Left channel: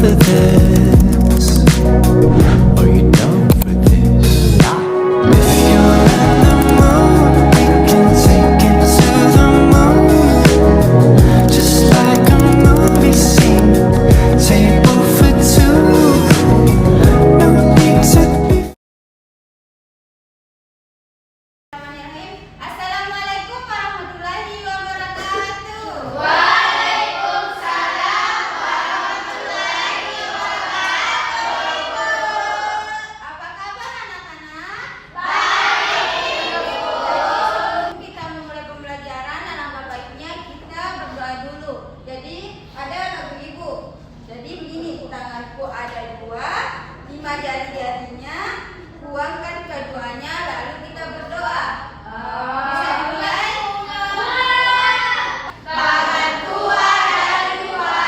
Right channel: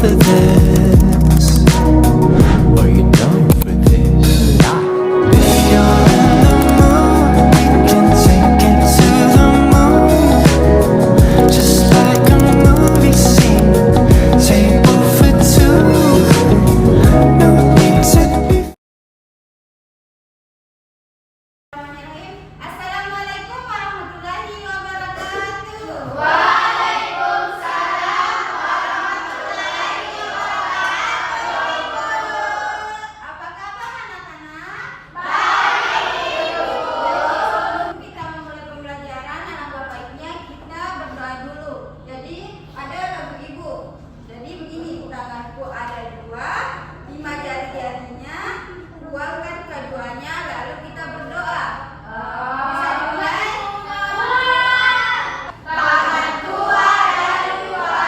for this? Are you down for this? If you're in the mood, we can take it to the moon. Just like a movie scene, table for two. No need to be. Assalamualaikum warahmatullahi wabarakatuh. Apa kabar anak-anak? Sebelum kita memulai pembelajaran, alangkah baiknya kita berdoa dulu. Jadi ada lagu ibu. Jadi begini, tanganku ada dua, 5 jari-jarinya, buangkan keduanya, lalu kita berdoa. Bisa dimulai? Tanganku ada dua,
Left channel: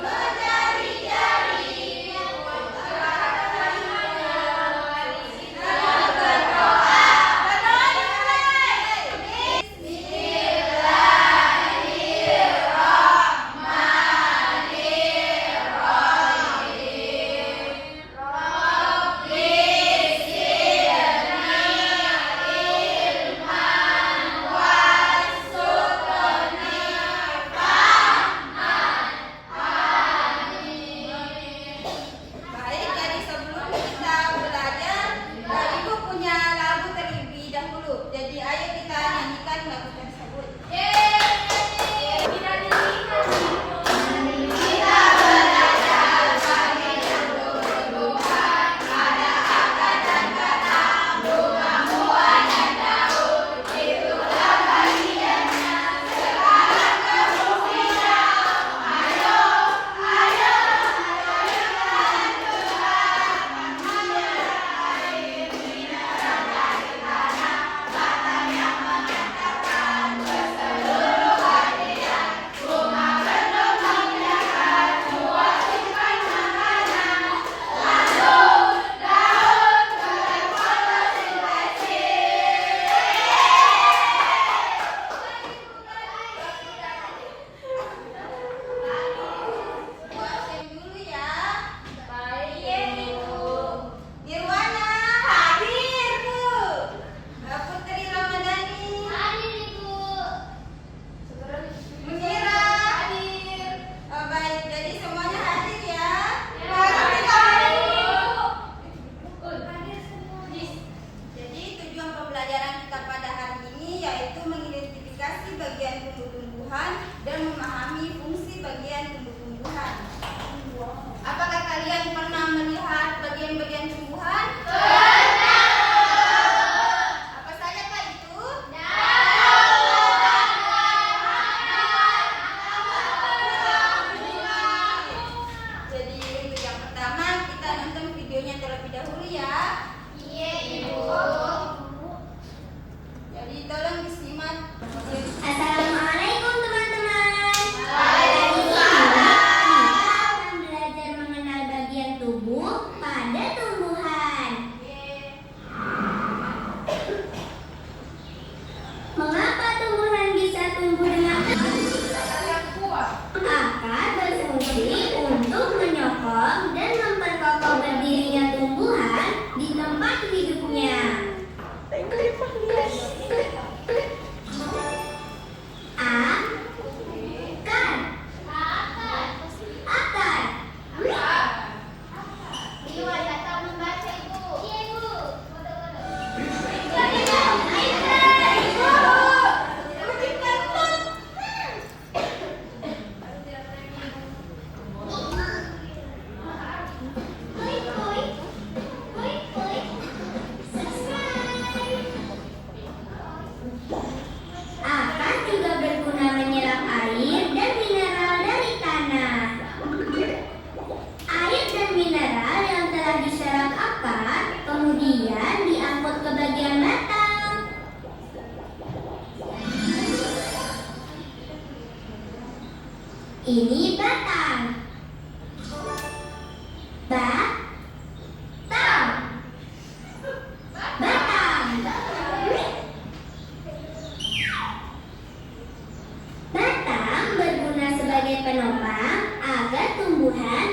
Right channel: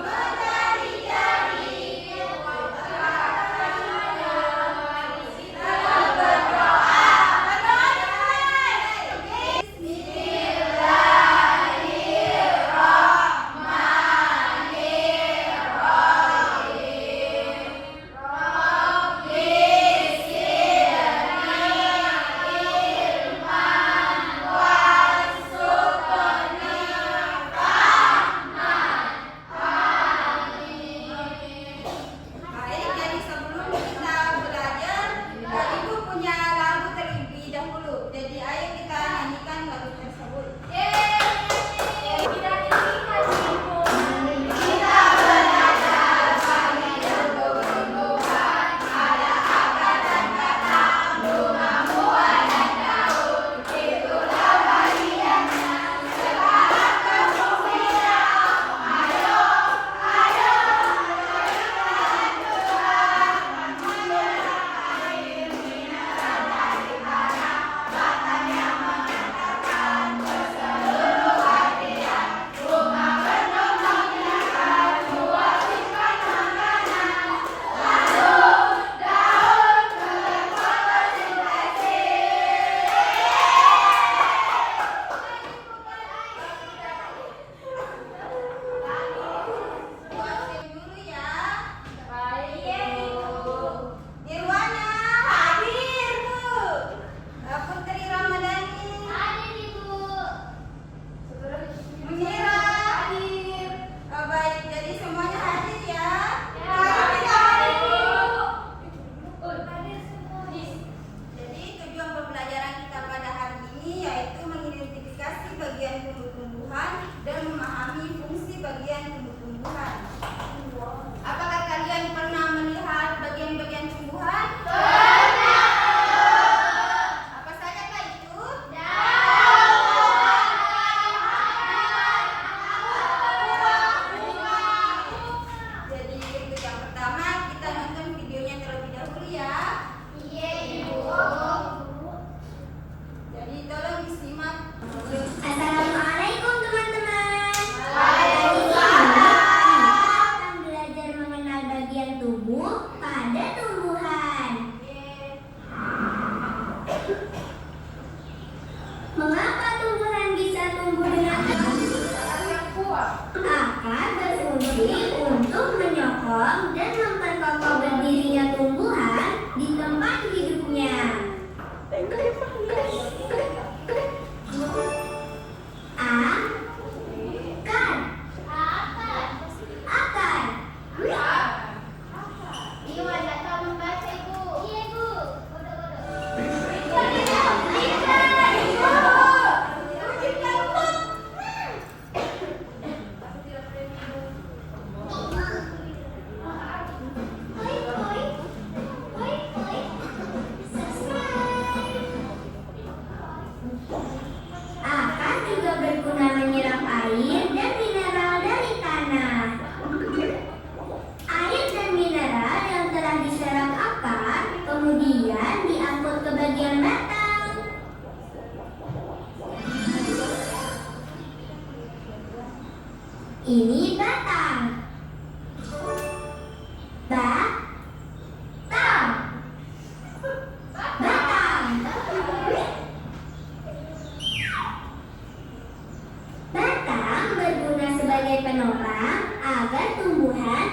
5 jari-jari, buangkan keduanya, lalu kita berdoa. Baik, jadi sebelum kita belajar, ibu punya lagu terlebih dahulu. Jadi ayo kita nyanyikan lagu tersebut. Dulu ya. Baik, Ibu. Nirwana hadir, Bu. Putri Ramadhani hadir, Ibu. Munira hadir. Baik, jadi semuanya hadir ya. Jadi tujuan pembelajaran kita pada hari ini yaitu mengidentifikasi bagian tumbuh-tumbuhan dan memahami fungsi bagian tumbuh-tumbuhan. Apakah kalian pernah melihat bagian-bagian tumbuhan? Pernah. Apa saja Kak itu? Jadi untuk yang pertama kita nonton videonya terlebih dahulu ya. Iya, Ibu. Jadi tolong disimak. Assalamualaikum teman-teman. Waalaikumsalam. Kita akan belajar mengenal bagian tubuh pada tumbuhan. Mengapa tumbuhan bisa tumbuh dengan akar berfungsi untuk menyokong dan memperkokoh berdirinya tumbuhan di tempat hidupnya. Akar. Iwan nggak tahu membaca Ibu. Iya Bu. Akar juga berguna menyerap air dan mineral dari tanah. Air dan mineral yang telah diserap akar kemudian diangkut ke bagian batang. Ini batang. Batang. Batang berguna sebagai penopang agar tumbuhan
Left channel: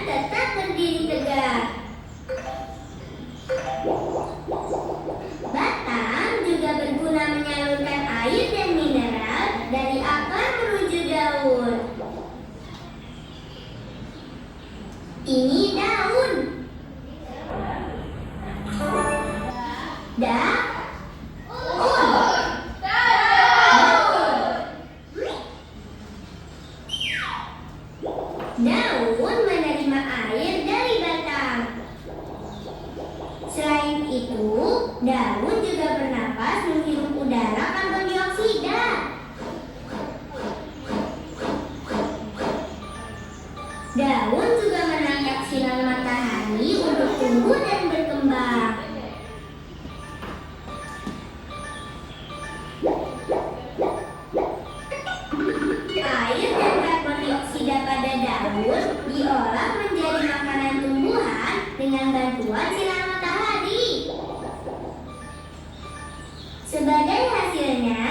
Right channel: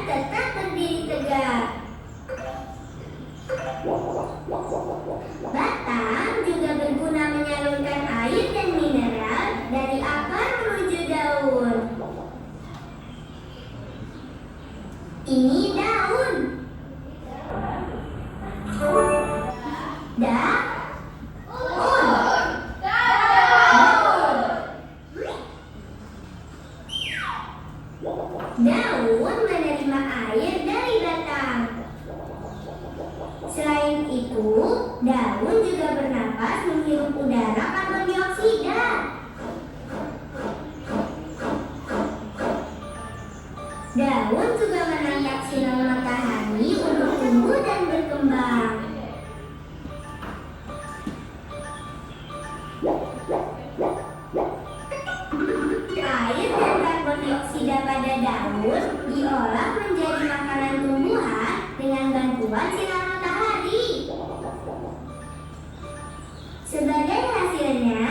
Ini daun. Daun. Daun menerima air dari batang. Selain itu, daun juga bernapas menghirup udara karbon dioksida. Daun juga menangkap sinar matahari untuk tumbuh dan berkembang. Air dan karbon dioksida pada daun diolah menjadi makanan tumbuhan dengan bantuan sinar matahari. Sebagai hasilnya,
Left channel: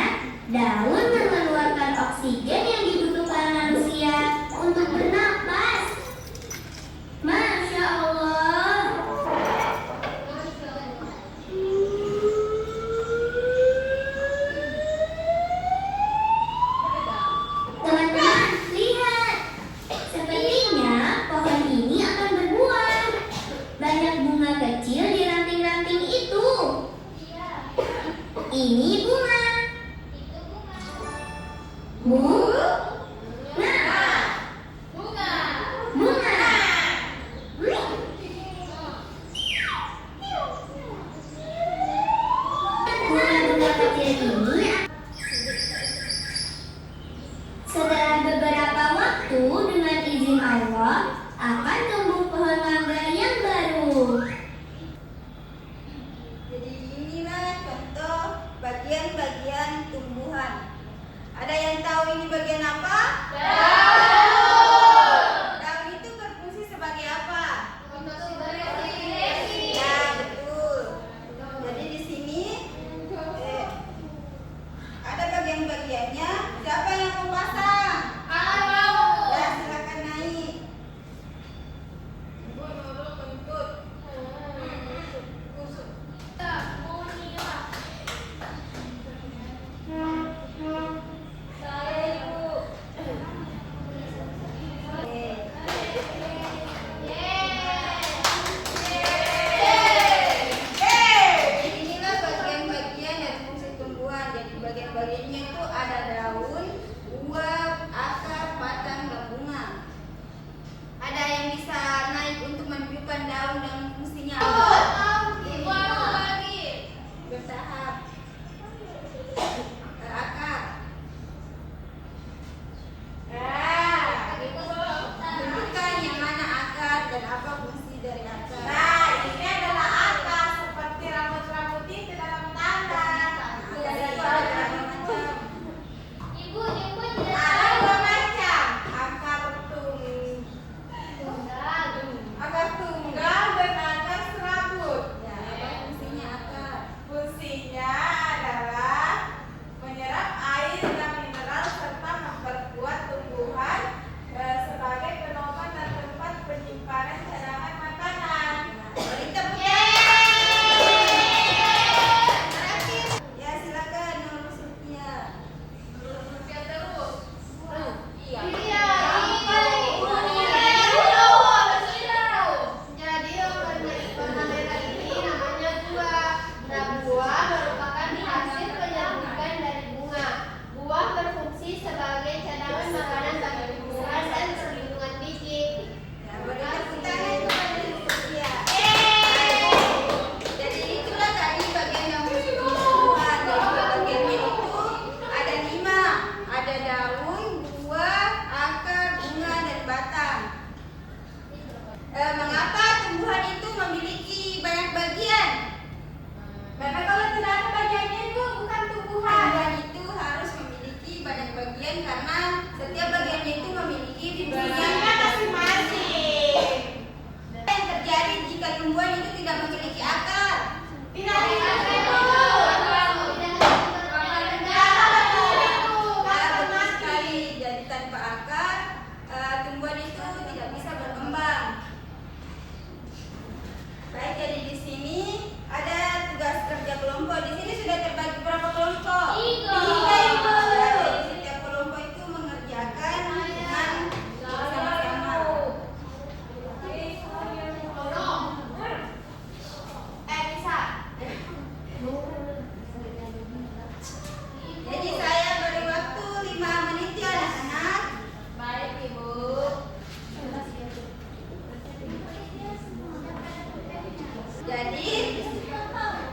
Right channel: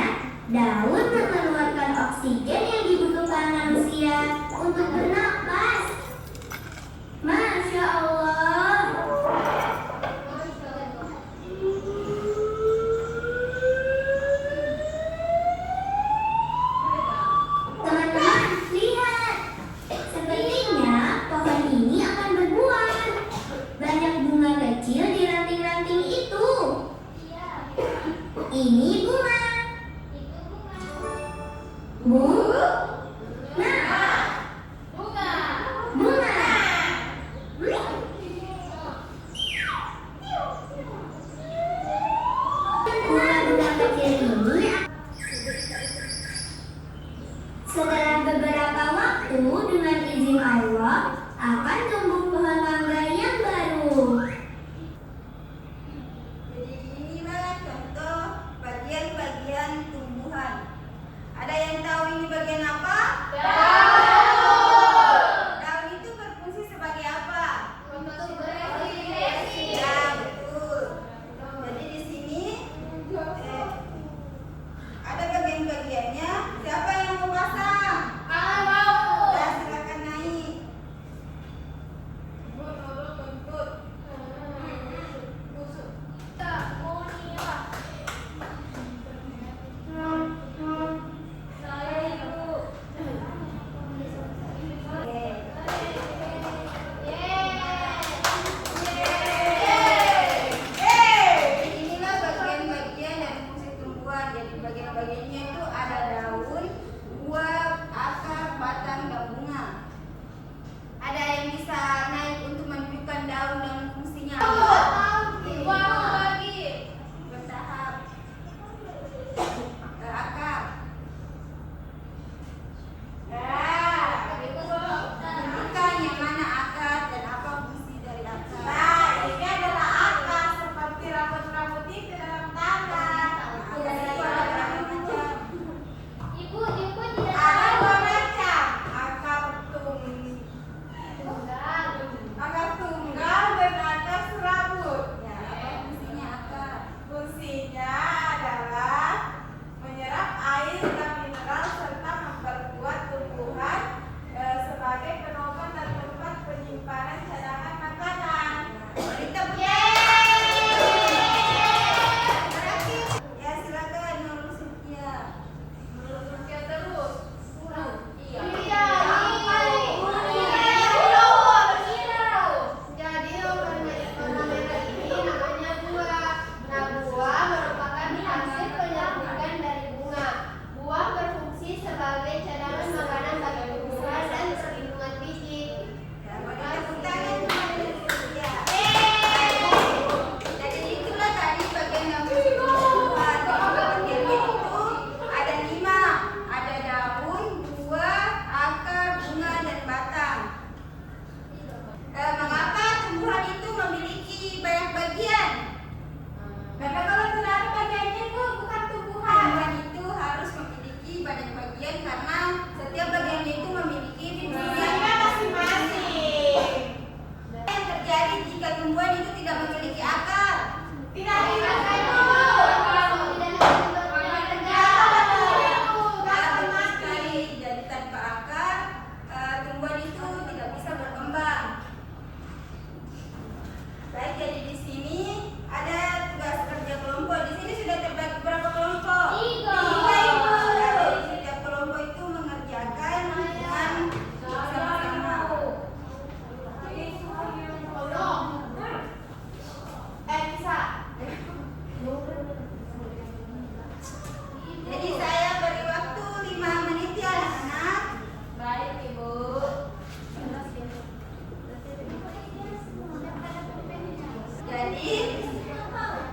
daun mengeluarkan oksigen yang dibutuhkan manusia untuk bernapas. Masya Allah. Teman-teman, lihat. Sepertinya pohon ini akan berbuah. Banyak bunga kecil di ranting-ranting itu. Ini bunga. Bunga. Bunga-bunga kecil ini setelah beberapa waktu dengan izin Allah akan tumbuh pohon mangga yang baru. Jadi inilah contoh bagian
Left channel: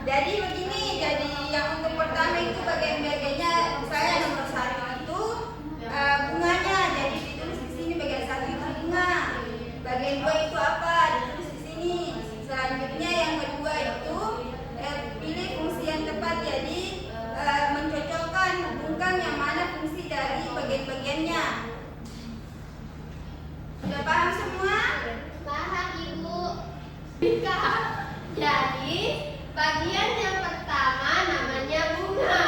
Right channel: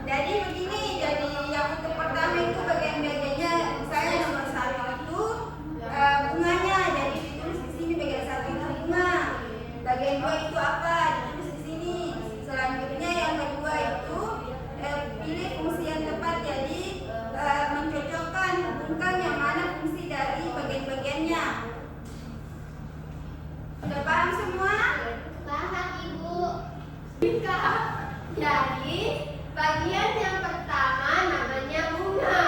Jadi begini, jadi yang untuk pertama itu bagian-bagiannya, misalnya nomor 1 itu bunganya, jadi ditulis di sini bagian 1 itu bunga. Bagian 2 itu apa? Ditulis di sini. Selanjutnya yang kedua itu pilih fungsi yang tepat, jadi mencocokkan, hubungkan yang mana fungsi dari bagian-bagiannya. Sudah paham semua? Paham, Ibu. Jadi bagian yang pertama namanya bunga,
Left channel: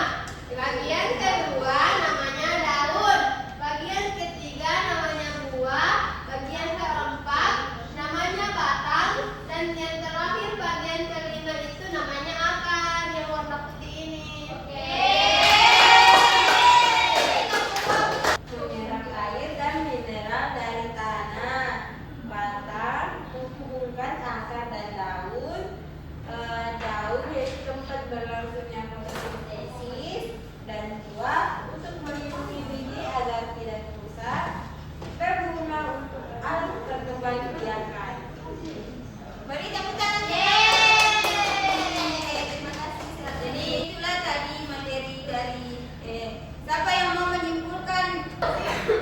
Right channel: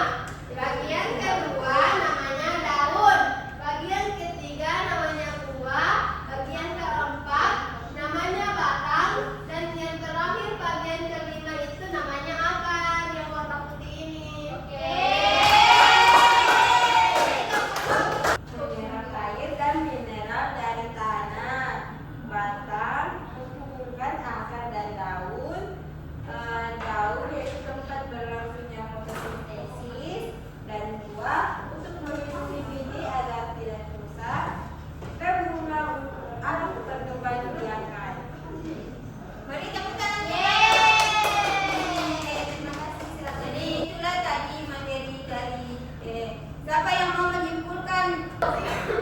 bagian kedua namanya daun, bagian ketiga namanya buah, bagian keempat namanya batang, dan yang terakhir bagian kelima itu namanya akar yang warna putih ini. Menyerap air dan mineral dari tanah. Batang menghubungkan akar dan daun. Daun yaitu tempat berlangsungnya fotosintesis, dan buah untuk melindungi biji agar tidak rusak. Berbunga untuk anak berkembang biakan. Beri tepuk tangan. Terima kasih. Jadi itulah tadi materi dari siapa yang mau menyimpulkan?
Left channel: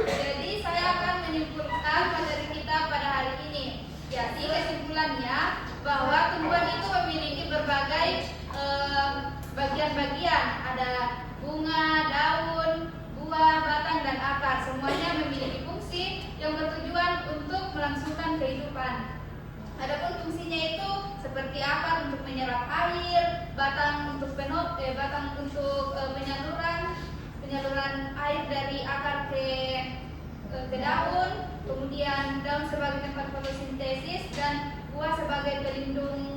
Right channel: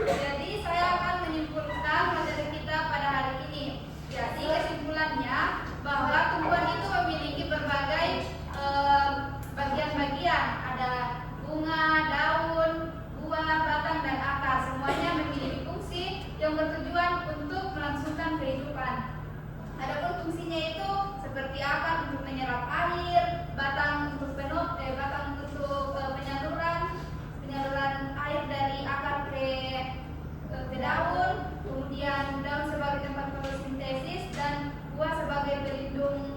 Jadi saya akan menyimpulkan materi kita pada hari ini. Jadi kesimpulannya bahwa tumbuhan itu memiliki berbagai bagian-bagian. Ada bunga, daun, buah, batang, dan akar. Semuanya memiliki fungsi yang bertujuan untuk melangsungkan kehidupan. Adapun fungsinya itu seperti akar untuk menyerap air, batang untuk penyaluran air dari akar ke daun, kemudian daun sebagai tempat fotosintesis, dan buah sebagai pelindung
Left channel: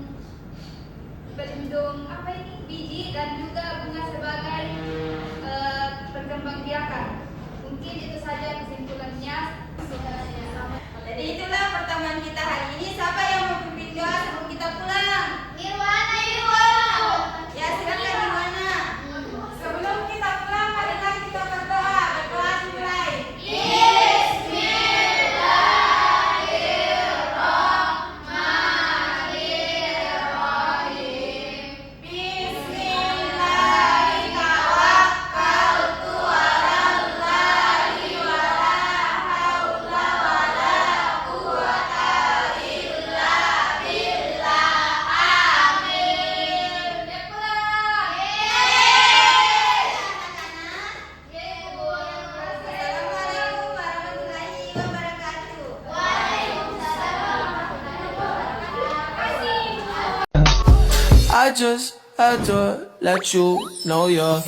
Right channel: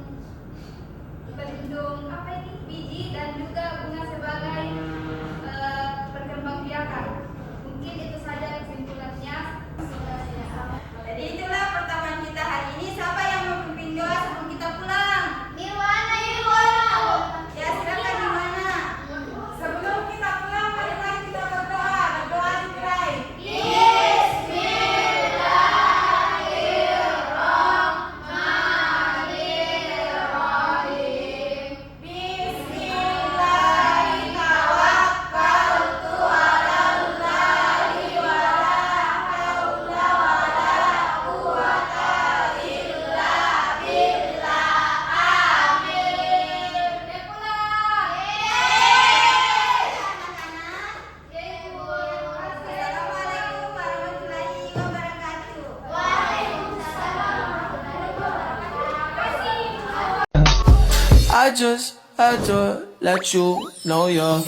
biji, dan juga bunga sebagai perkembangbiakan. Mungkin itu saja kesimpulannya. Jadi itulah pertemuan kita hari ini. Siapa yang mau pimpin doa sebelum kita pulang? Nirwana. Ya, silakan Nirwana. Sebelum kita pulang, marilah kita berdoa. Berdoa dimulai. Assalamualaikum warahmatullahi wabarakatuh. I just had to let you know you're